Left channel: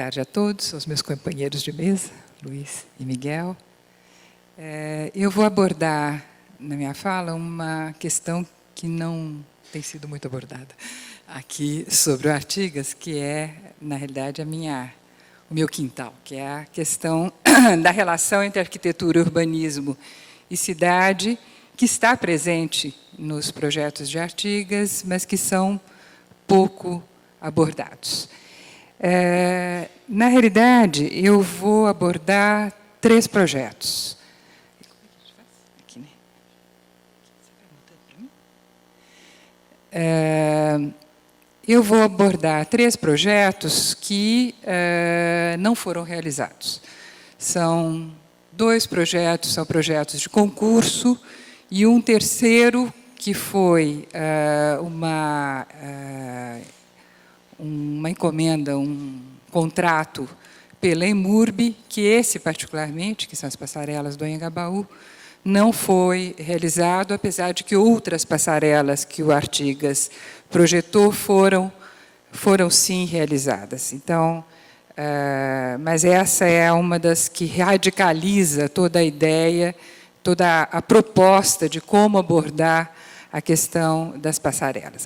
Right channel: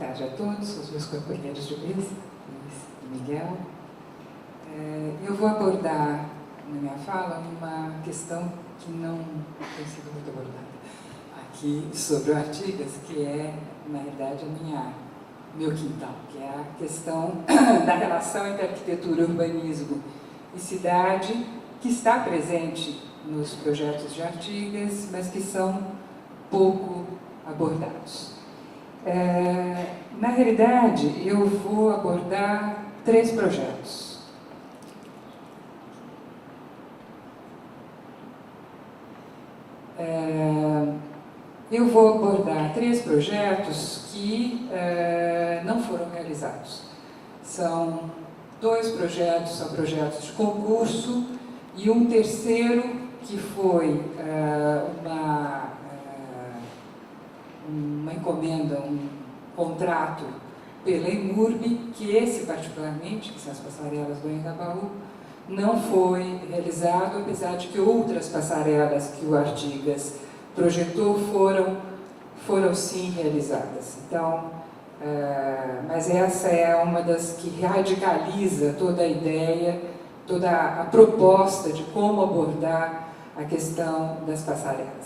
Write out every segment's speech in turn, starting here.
tarde a todos, aos meus companheiros de mesa, Luiz e Miguel. Eu vou abordar, na minha fala, uma questão que não tem sido muito abordada aqui sobre o Artigas, que é, na realidade, o meu quintal, que é a questão da relação entre arquitetura, urbanismo e cidade, que está presente nos projetos de Artigas, mas que são pouco abordados. Na realidade, eu vou abordar 3 projetos. Eu vou abordar 3 projetos que não foram realizados. São 2 projetos, são projetos de concurso, e um terceiro que foi uma encomenda, um contrato pela Emurb, que esse particularmente, que são as passarelas do Anhangabaú, não foi realizado, apesar de que outras passarelas que o Artigas projetou foram sim realizadas. Então, mas essa é uma das que radicaliza toda a ideia, toda a proposta de como abordar a questão das passarelas.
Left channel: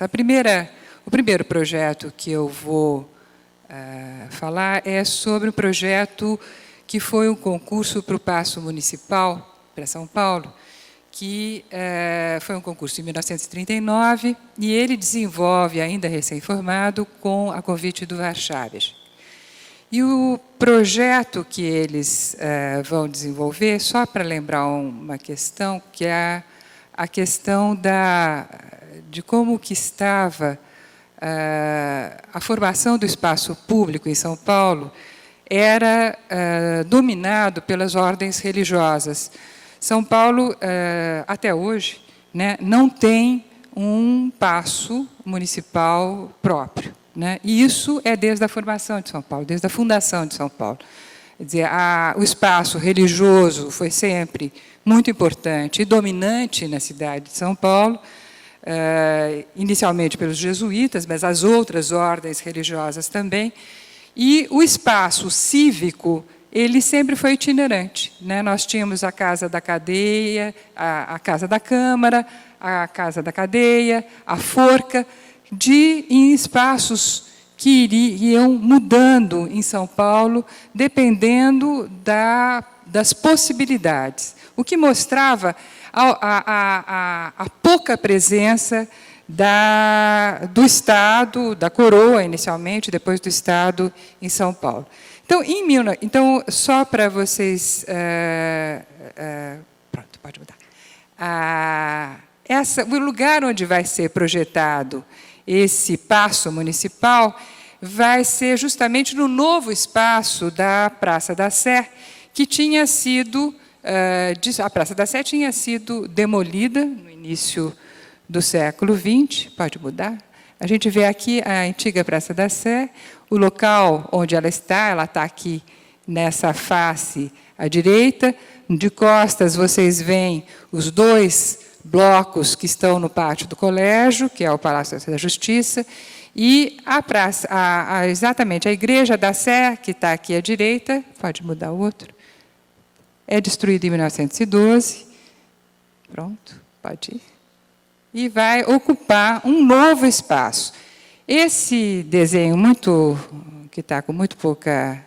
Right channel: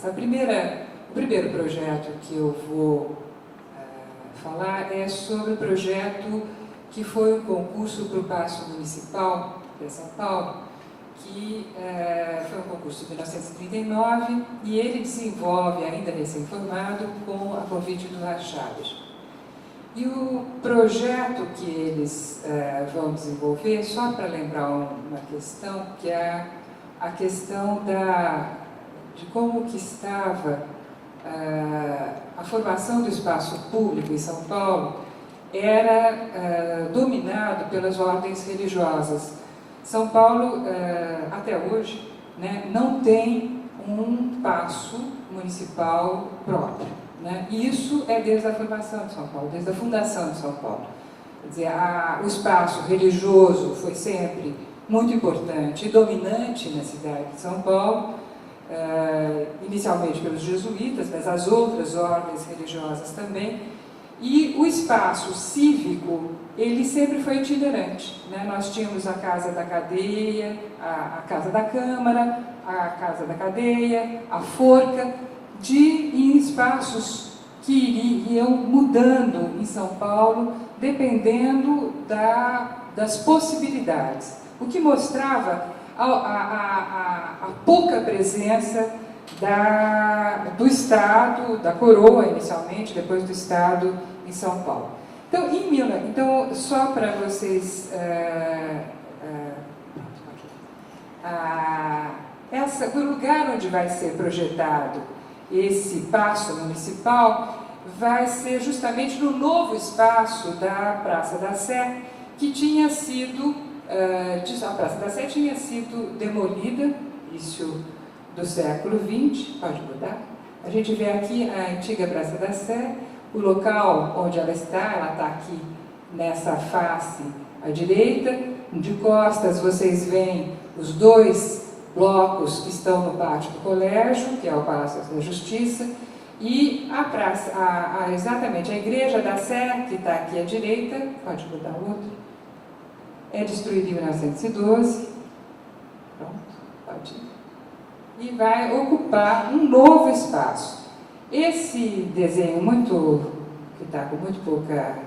O primeiro projeto que eu vou falar é sobre o projeto que foi um concurso para o Paço Municipal, para São Paulo, que foi um concurso em 1939, e ele desenvolve, ainda recém-formado, com a convite do Warchavchik. E o projeto que eles vão desenvolver, só para lembrar uma questão, que é a questão de como que estava a formação do espaço público em São Paulo, era dominado pelas ordens religiosas. São Paulo, até hoje, né, não tem um paço municipal próprio, né? E isso é desde a formação de São Paulo, desde a fundação de São Paulo. Quer dizer, o espaço religioso foi sempre muito importante e dominante na cidade de São Paulo, inicialmente pelos jesuítas, mas as outras ordens religiosas também. E o espaço cívico, ele sempre foi itinerante, né? Nós tínhamos a Casa da Cadeia, a Casa da Câmara, a Casa da Cadeia, a Forca, em espaços que iam mudando em São Paulo, dependendo das possibilidades, o que mostrava a pouca presença do Estado, da coroa, inicialmente, depois do Estado, em São Paulo. Então, só para vocês... pronto, pode mudar. O lugar onde vai ser projetado esse Paço Municipal vai ser justamente no novo espaço da Praça da Sé, que tinha sido... a Praça da Sé tinha sido demolida no início do século XX. Pode mudar? A gente vê aqui a antiga Praça da Sé, o local onde ela está aqui nessa face à direita. De costas, vocês veem os 2 blocos que estão no pátio do colégio, que é o Palácio da Justiça, e a praça, exatamente, a Igreja da Sé, que está aqui à direita. Pode mudar o outro. É destruída em 1912. Pronto, pode ir. E vai ocupar um novo espaço. Esse desenho que está com muito pouca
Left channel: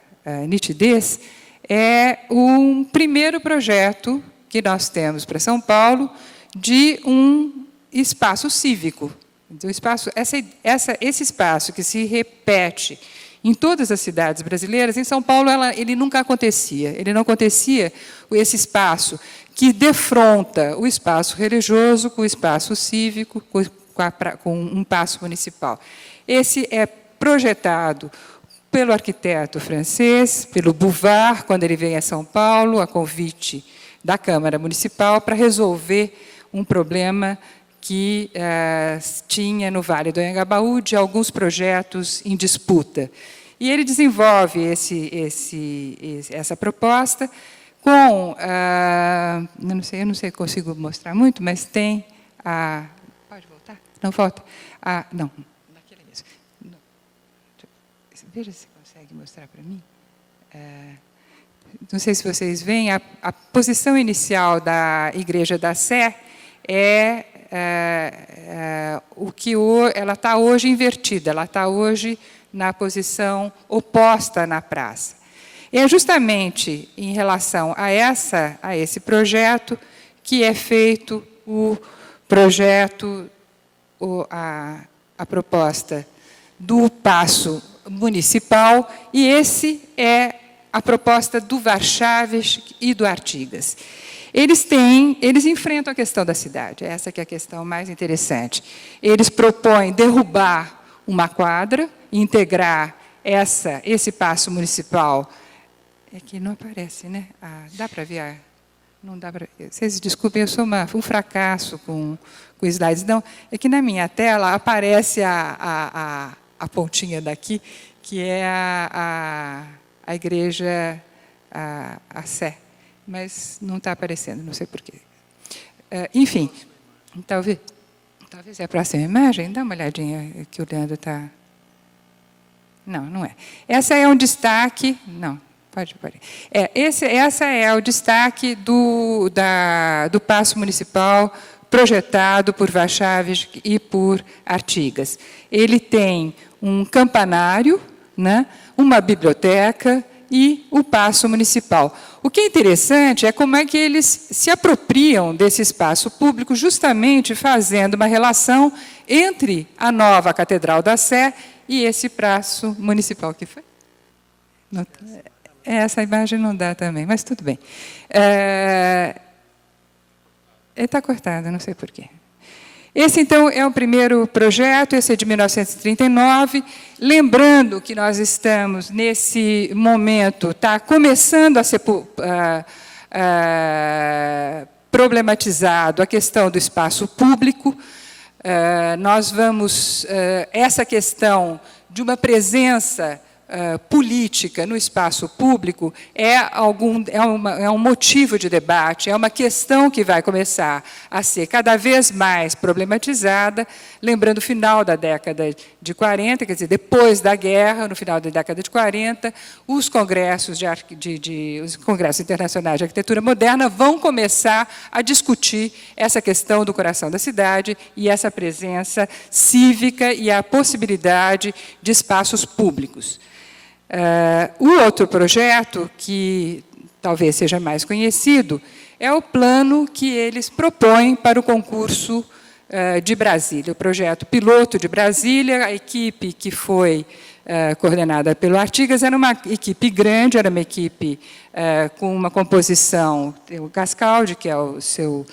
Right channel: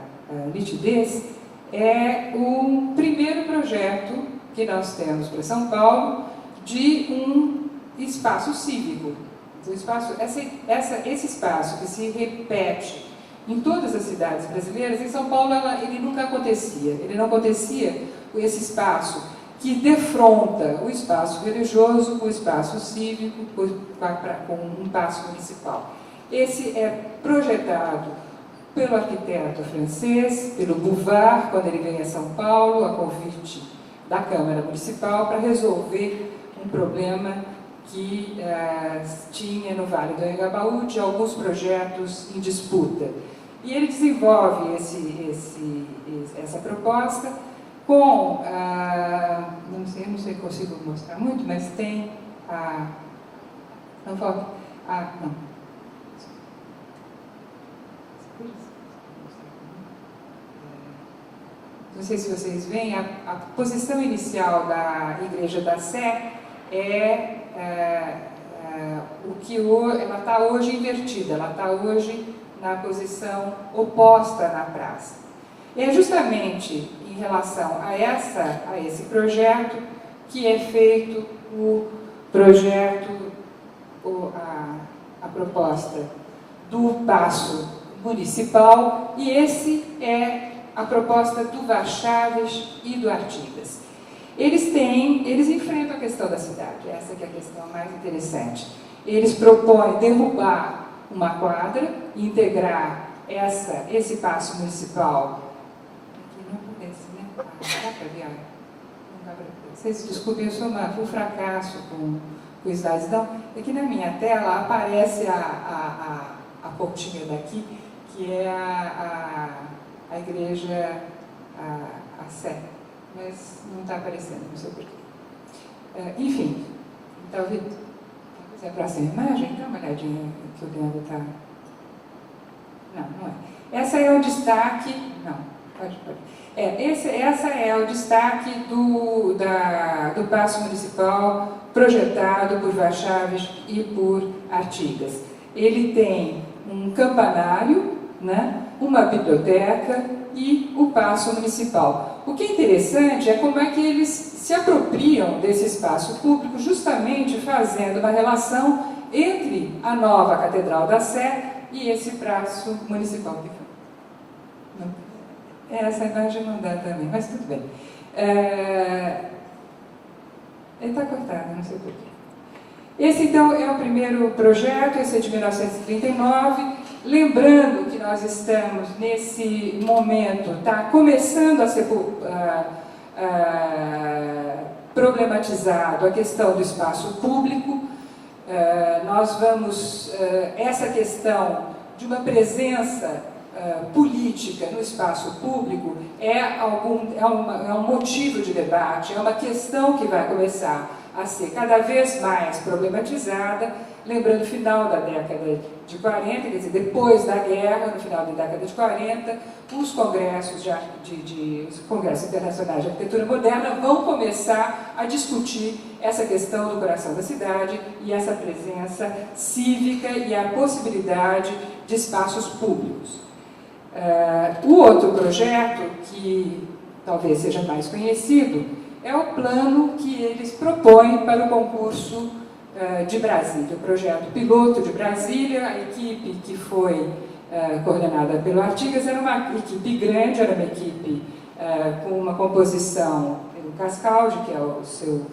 nitidez, é um primeiro projeto que nós temos para São Paulo de um espaço cívico. Então, esse espaço que se repete em todas as cidades brasileiras, em São Paulo ele nunca acontecia. Ele não acontecia esse espaço que defronta o espaço religioso com o espaço cívico, com um paço municipal. Esse é projetado pelo arquiteto francês, pelo Bouvard, quando ele vem a São Paulo, a convite da Câmara Municipal, para resolver um problema que tinha no Vale do Anhangabaú, de alguns projetos em disputa. E ele desenvolve essa proposta com... eu não sei se consigo mostrar muito, mas tem a... Pode voltar? Não falta? Não. Veja se consegue mostrar para mim. não sei se vocês veem, a posição inicial da Igreja da Sé o que ela está hoje invertida, ela está hoje na posição oposta na praça. E é justamente em relação a esse projeto que é feito o projeto, a proposta do Paço Municipal, e esse é a proposta do Warchavchik e do Artigas. Eles enfrentam a questão da cidade, essa que é a questão mais interessante. Eles propõem derrubar uma quadra, integrar esse Paço Municipal. Aqui não aparece, né? Dá para ver? Não dá para ver. Vocês desculpem, eu sou um fracasso com slides. Não, é que na minha tela aparece a pontinha daqui, que é a igreja, a Sé, mas não está aparecendo, não sei porquê. Enfim, talvez é a próxima imagem, dá uma olhadinha que o Leandro está... Não, não é. Essa é um destaque... Não, pode pôr. Essa é o destaque do Paço Municipal projetado por Warchavchik e por Artigas. Ele tem um campanário, né, uma biblioteca e o Paço Municipal. O que é interessante é como é que eles se apropriam desse espaço público, justamente fazendo uma relação entre a nova Catedral da Sé e esse Paço Municipal que foi. Essa imagem não dá também, mas tudo bem. Está cortada, não sei porquê. Esse, então, é o primeiro projeto, esse é de 1939. Lembrando que nós estamos, nesse momento, está começando a ser problematizado a questão do espaço público. Nós vamos... essa questão de uma presença política no espaço público é um motivo de debate, é uma questão que vai começar a ser cada vez mais problematizada, lembrando o final da década de 40, quer dizer, depois da guerra, no final da década de 40, os congressos, os congressos internacionais de arquitetura moderna vão começar a discutir essa questão do coração da cidade e essa presença cívica e a possibilidade de espaços públicos. O outro projeto, que talvez seja mais conhecido, é o plano que eles propõem para o concurso de Brasília, o projeto piloto de Brasília. A equipe que foi coordenada pelo Artigas era uma equipe grande, era uma equipe com uma composição, o Cascaldi, que é o seu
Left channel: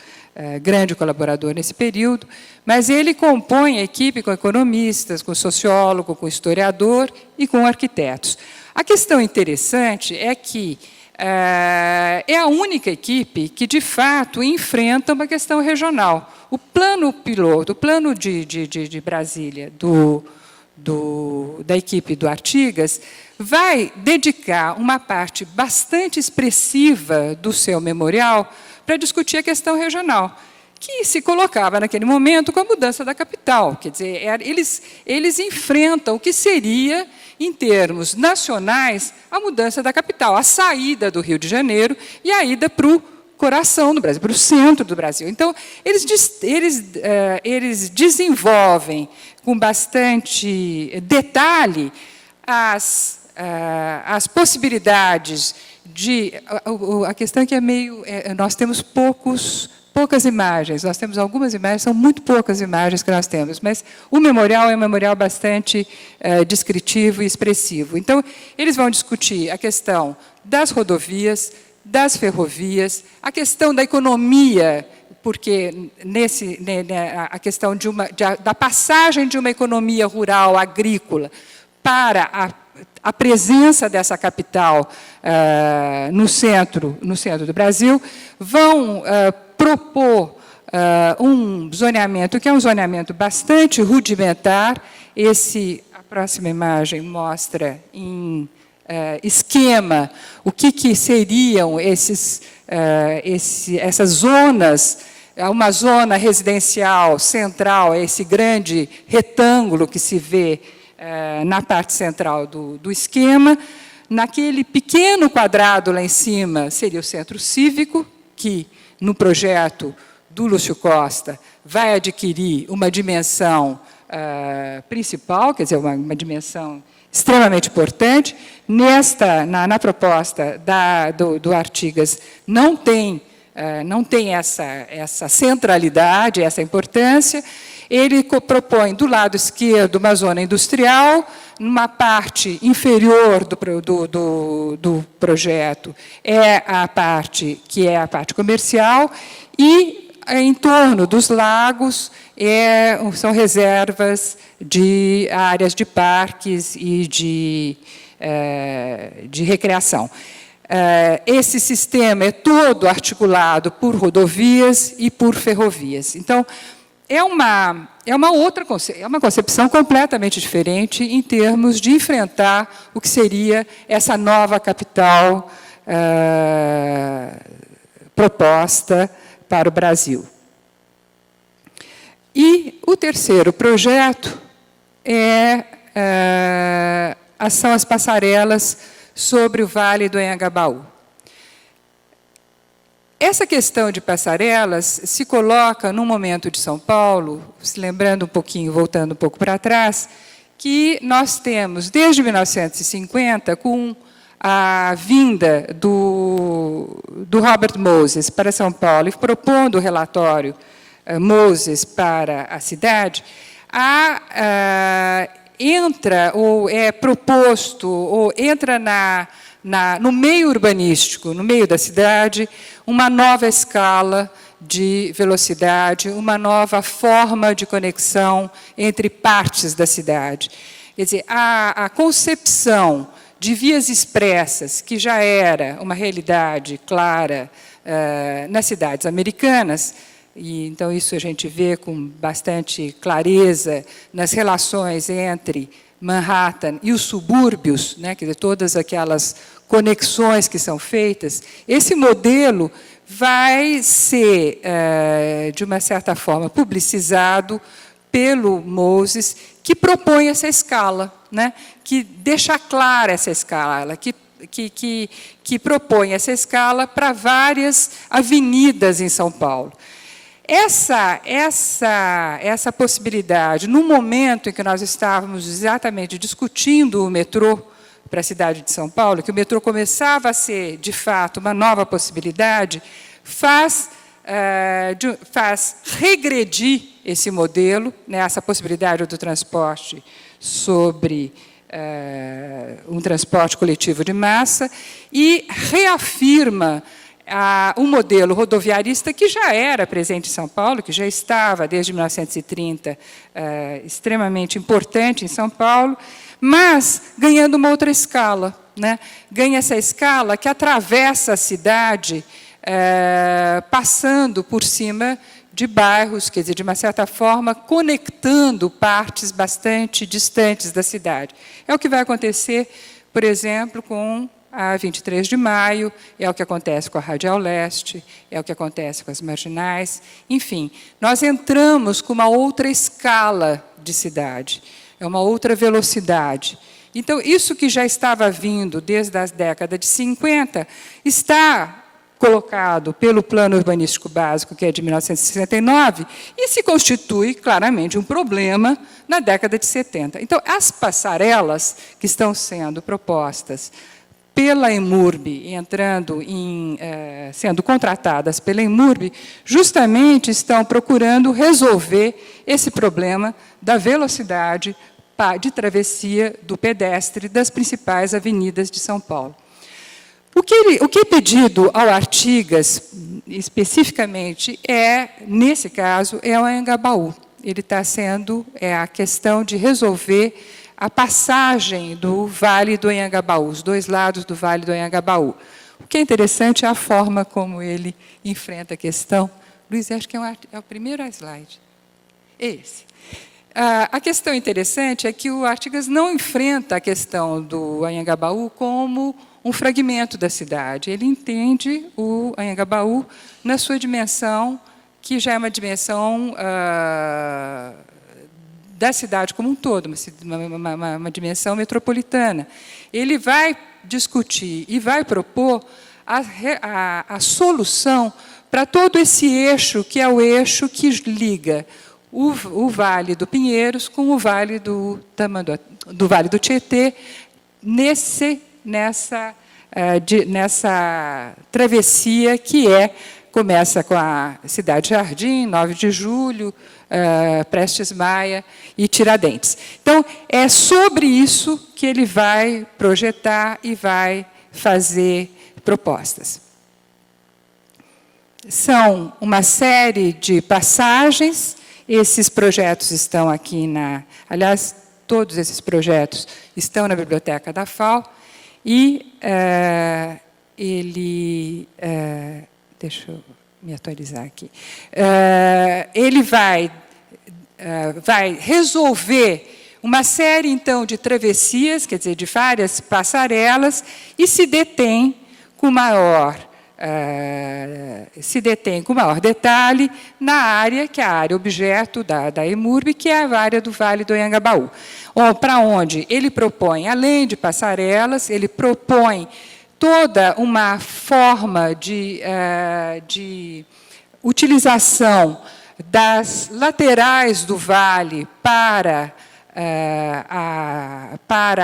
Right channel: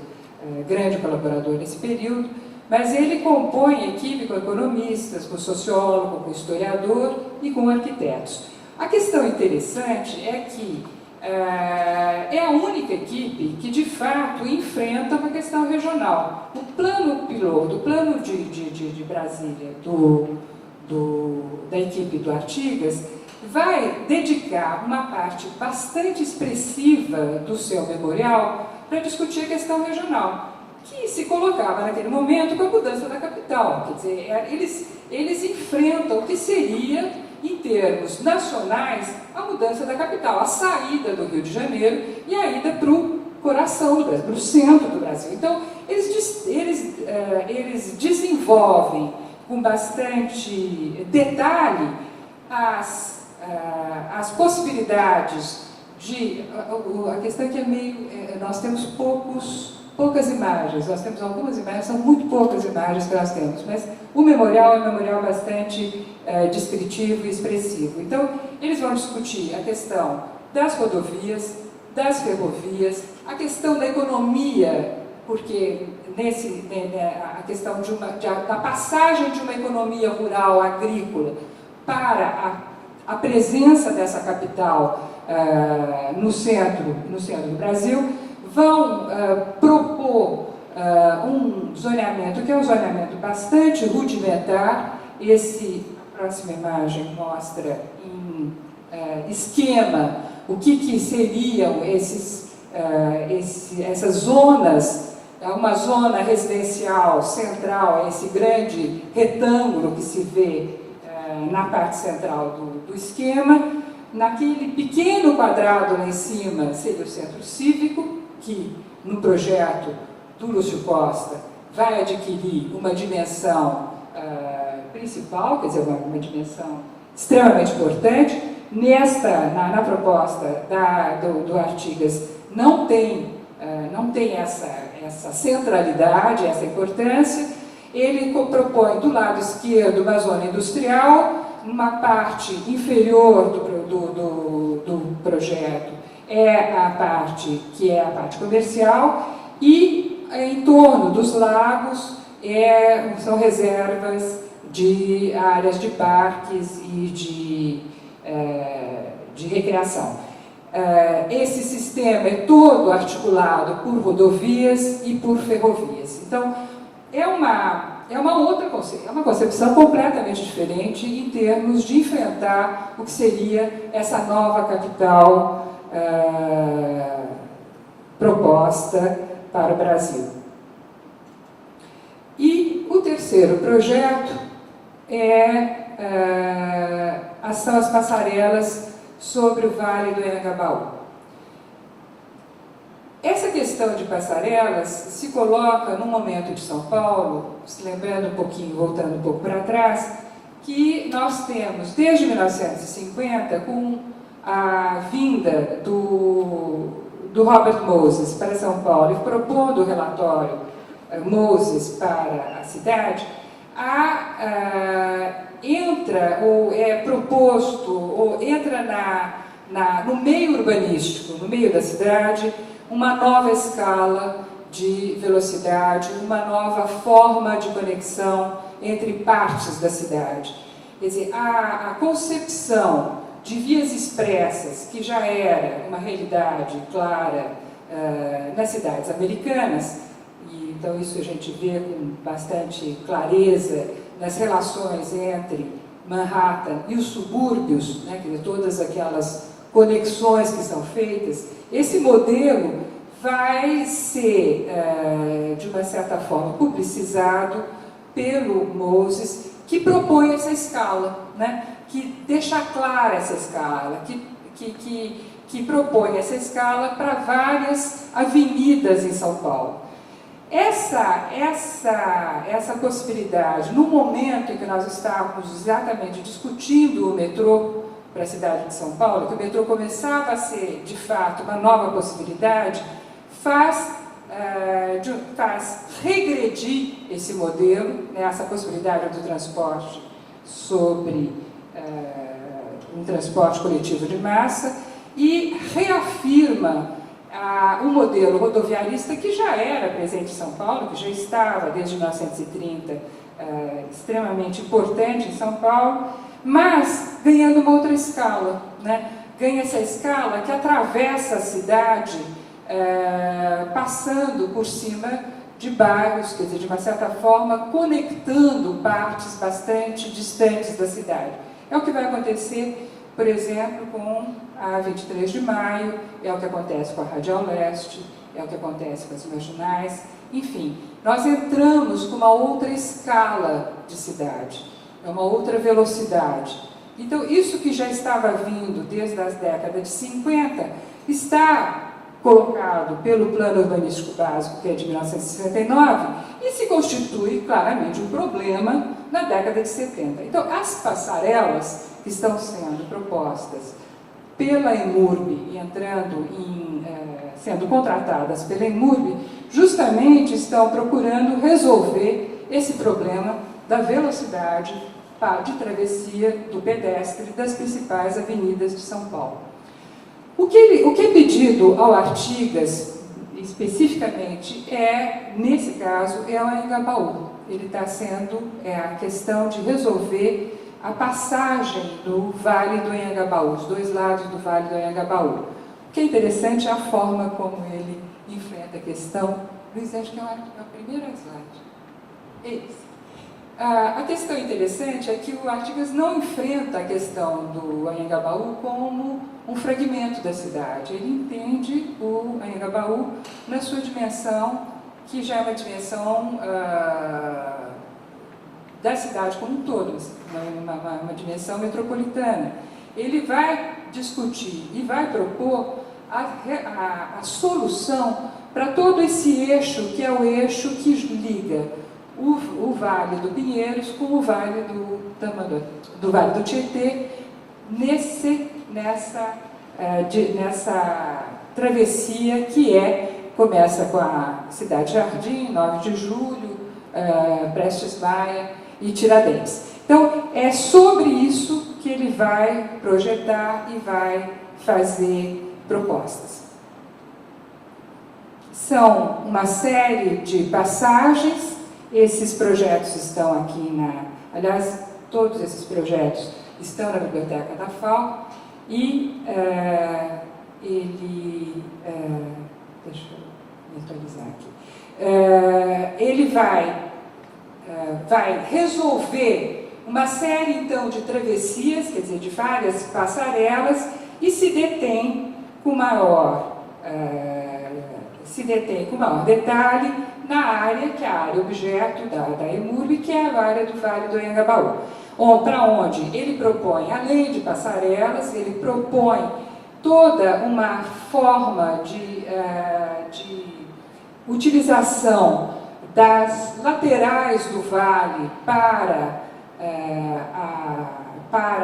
grande colaborador nesse período, mas ele compõe a equipe com economistas, com sociólogo, com historiador e com arquitetos. A questão interessante é que é a única equipe que, de fato, enfrenta uma questão regional. O plano piloto, o plano de Brasília da equipe do Artigas vai dedicar uma parte bastante expressiva do seu memorial para discutir a questão regional, que se colocava, naquele momento, com a mudança da capital. Quer dizer, eles enfrentam o que seria, em termos nacionais, a mudança da capital, a saída do Rio de Janeiro e a ida para o coração do Brasil, para o centro do Brasil. Então, eles desenvolvem com bastante detalhe as possibilidades de... A questão é que nós temos poucas imagens, nós temos algumas imagens, são muito poucas imagens que nós temos, mas o memorial é um memorial bastante descritivo e expressivo. Então, eles vão discutir a questão das rodovias, das ferrovias, a questão da economia, porque a questão da passagem de uma economia rural, agrícola, para a presença dessa capital no centro do Brasil, vão propor um zoneamento, que é um zoneamento bastante rudimentar. A próxima imagem mostra em esquema o que seriam essas zonas. Uma zona residencial central, esse grande retângulo que se vê na parte central do esquema. naquele pequeno quadrado lá em cima seria o centro cívico, que no projeto do Lúcio Costa vai adquirir uma dimensão principal, quer dizer, uma dimensão extremamente importante. Na proposta do Artigas não tem essa centralidade, essa importância. Ele propõe do lado esquerdo uma zona industrial, numa parte inferior do projeto é a parte que é a parte comercial, e em torno dos lagos são reservas de áreas de parques e de recreação. Esse sistema é todo articulado por rodovias e por ferrovias. Então, é uma concepção completamente diferente em termos de enfrentar o que seria essa nova capital proposta para o Brasil. E o terceiro projeto são as passarelas sobre o Vale do Anhangabaú. Essa questão de passarelas se coloca num momento de São Paulo, se lembrando um pouquinho, voltando um pouco para trás, que nós temos, desde 1950, com a vinda do Robert Moses para São Paulo e propondo o relatório Moses para a cidade, entra ou é proposto ou entra no meio urbanístico, no meio da cidade, uma nova escala de velocidade, uma nova forma de conexão entre partes da cidade. Quer dizer, a concepção de vias expressas, que já era uma realidade clara nas cidades americanas, e então isso a gente vê com bastante clareza nas relações entre Manhattan e os subúrbios, né, quer dizer, todas aquelas conexões que são feitas. Esse modelo vai ser, de uma certa forma, publicizado pelo Moses, que propõe essa escala, né, que deixa clara essa escala, que propõe essa escala para várias avenidas em São Paulo. Essa possibilidade, no momento em que nós estávamos exatamente discutindo o metrô para a cidade de São Paulo, que o metrô começava a ser, de fato, uma nova possibilidade, faz regredir esse modelo, né, essa possibilidade do transporte sobre um transporte coletivo de massa, e reafirma um modelo rodoviarista que já era presente em São Paulo, que já estava, desde 1930, extremamente importante em São Paulo, mas ganhando uma outra escala, né? Ganha essa escala que atravessa a cidade, passando por cima de bairros, quer dizer, de uma certa forma, conectando partes bastante distantes da cidade. É o que vai acontecer, por exemplo, com a 23 de maio, é o que acontece com a Radial Leste, é o que acontece com as Marginais. Enfim, nós entramos com uma outra escala de cidade, é uma outra velocidade. Então, isso que já estava vindo desde as décadas de 50, está colocado pelo Plano Urbanístico Básico, que é de 1969, e se constitui claramente um problema na década de 70. Então, as passarelas que estão sendo propostas pela EMURB, sendo contratadas pela EMURB, justamente estão procurando resolver esse problema da velocidade de travessia do pedestre das principais avenidas de São Paulo. O que é pedido ao Artigas, especificamente, nesse caso, é o Anhangabaú. Ele está sendo a questão de resolver a passagem do Vale do Anhangabaú, os dois lados do Vale do Anhangabaú. O que é interessante é a forma como ele enfrenta a questão. Luiz, acho que é o primeiro slide. Esse. A questão interessante é que o Artigas não enfrenta a questão do Anhangabaú como um fragmento da cidade. Ele entende o Anhangabaú na sua dimensão, que já é uma dimensão da cidade como um todo, uma dimensão metropolitana. Ele vai discutir e vai propor a solução para todo esse eixo, que é o eixo que liga o Vale do Pinheiros com o Vale do Vale do Tietê, nessa travessia que começa com a Cidade Jardim, 9 de Julho, Prestes Maia e Tiradentes. Então, é sobre isso que ele vai projetar e vai fazer propostas. São uma série de passagens, esses projetos estão aqui aliás, todos esses projetos estão na biblioteca da FAO, e deixa eu me atualizar aqui, ele vai resolver uma série, então, de travessias, quer dizer, de várias passarelas, e se detém com maior detalhe na área, que é a área objeto da EMURB, que é a área do Vale do Anhangabaú, para onde ele propõe, além de passarelas, ele propõe toda uma forma de utilização das laterais do vale para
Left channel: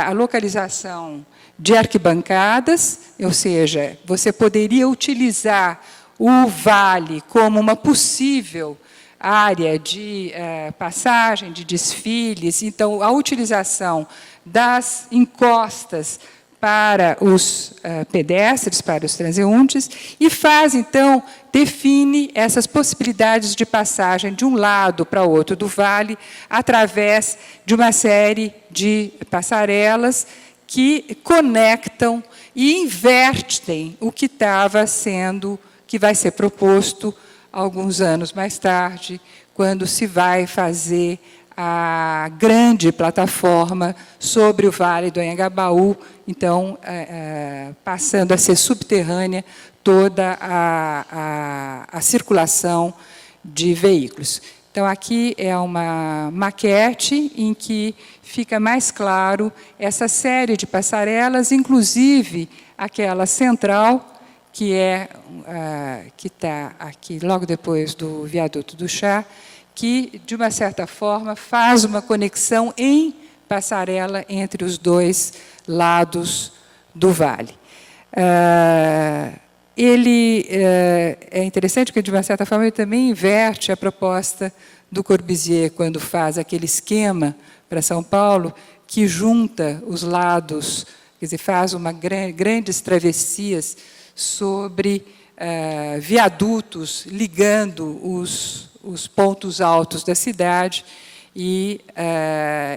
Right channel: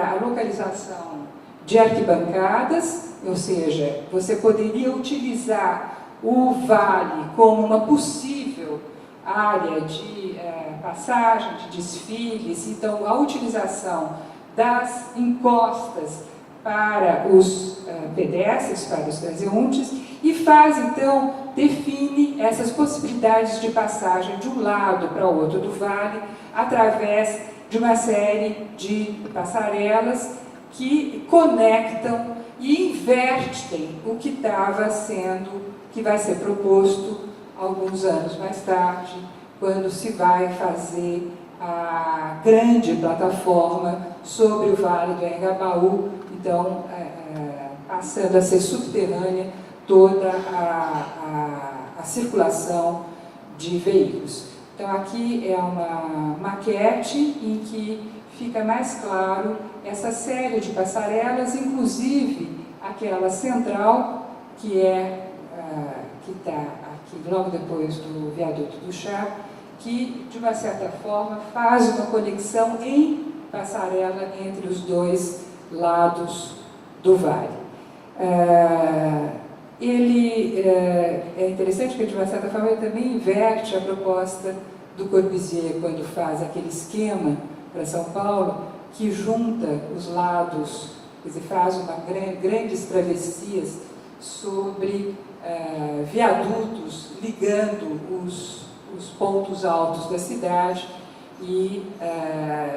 a localização de arquibancadas, ou seja, você poderia utilizar o vale como uma possível área de passagem, de desfiles. Então, a utilização das encostas para os pedestres, para os transeuntes, e então, define essas possibilidades de passagem de um lado para o outro do vale, através de uma série de passarelas que conectam e invertem o que que vai ser proposto alguns anos mais tarde, quando se vai fazer a grande plataforma sobre o Vale do Anhangabaú, então, passando a ser subterrânea toda a circulação de veículos. Então, aqui é uma maquete em que fica mais claro essa série de passarelas, inclusive aquela central, que está aqui logo depois do viaduto do Chá, que, de uma certa forma, faz uma conexão em passarela entre os dois lados do vale. É interessante que, de uma certa forma, ele também inverte a proposta do Corbusier, quando faz aquele esquema para São Paulo, que junta os lados, quer dizer, faz grandes travessias sobre viadutos ligando os pontos altos da cidade, e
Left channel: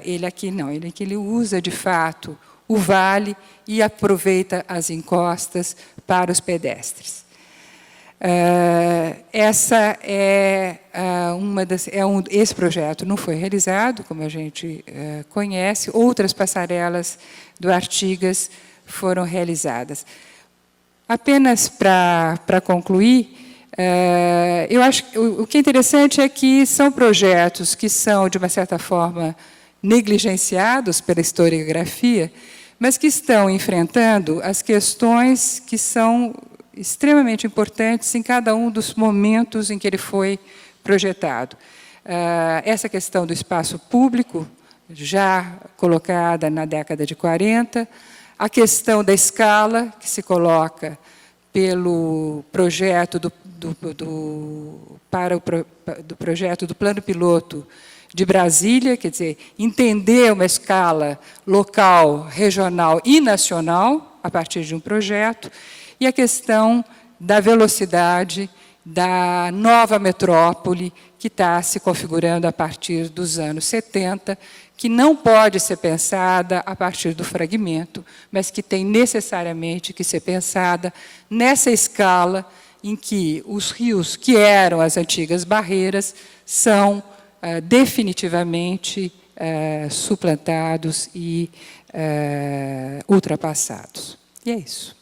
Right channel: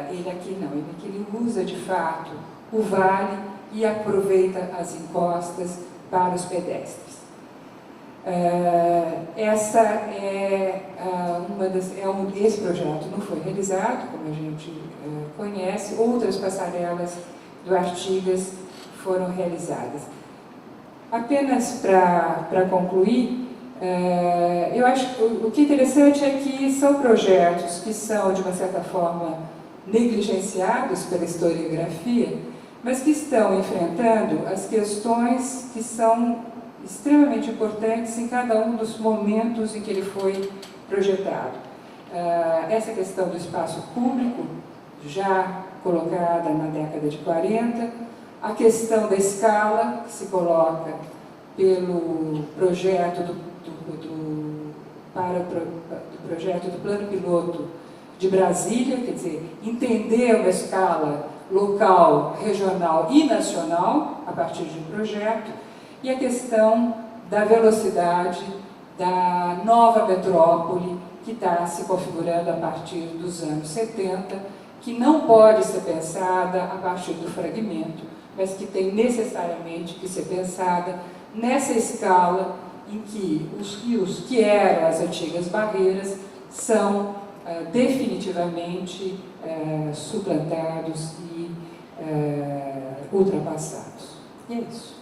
ele aqui não, ele usa, de fato, o vale e aproveita as encostas para os pedestres. Esse projeto não foi realizado, como a gente conhece, outras passarelas do Artigas foram realizadas. Apenas para concluir, eu acho que o que é interessante é que são projetos que são, de uma certa forma, negligenciados pela historiografia, mas que estão enfrentando as questões que são extremamente importantes em cada um dos momentos em que ele foi projetado. Essa questão do espaço público, já colocada na década de 40, a questão da escala, que se coloca pelo projeto do projeto do Plano Piloto de Brasília, quer dizer, entender uma escala local, regional e nacional a partir de um projeto, e a questão da velocidade da nova metrópole que está se configurando a partir dos anos 70, que não pode ser pensada a partir do fragmento, mas que tem necessariamente que ser pensada nessa escala em que os rios, que eram as antigas barreiras, são definitivamente suplantados e ultrapassados. E é isso.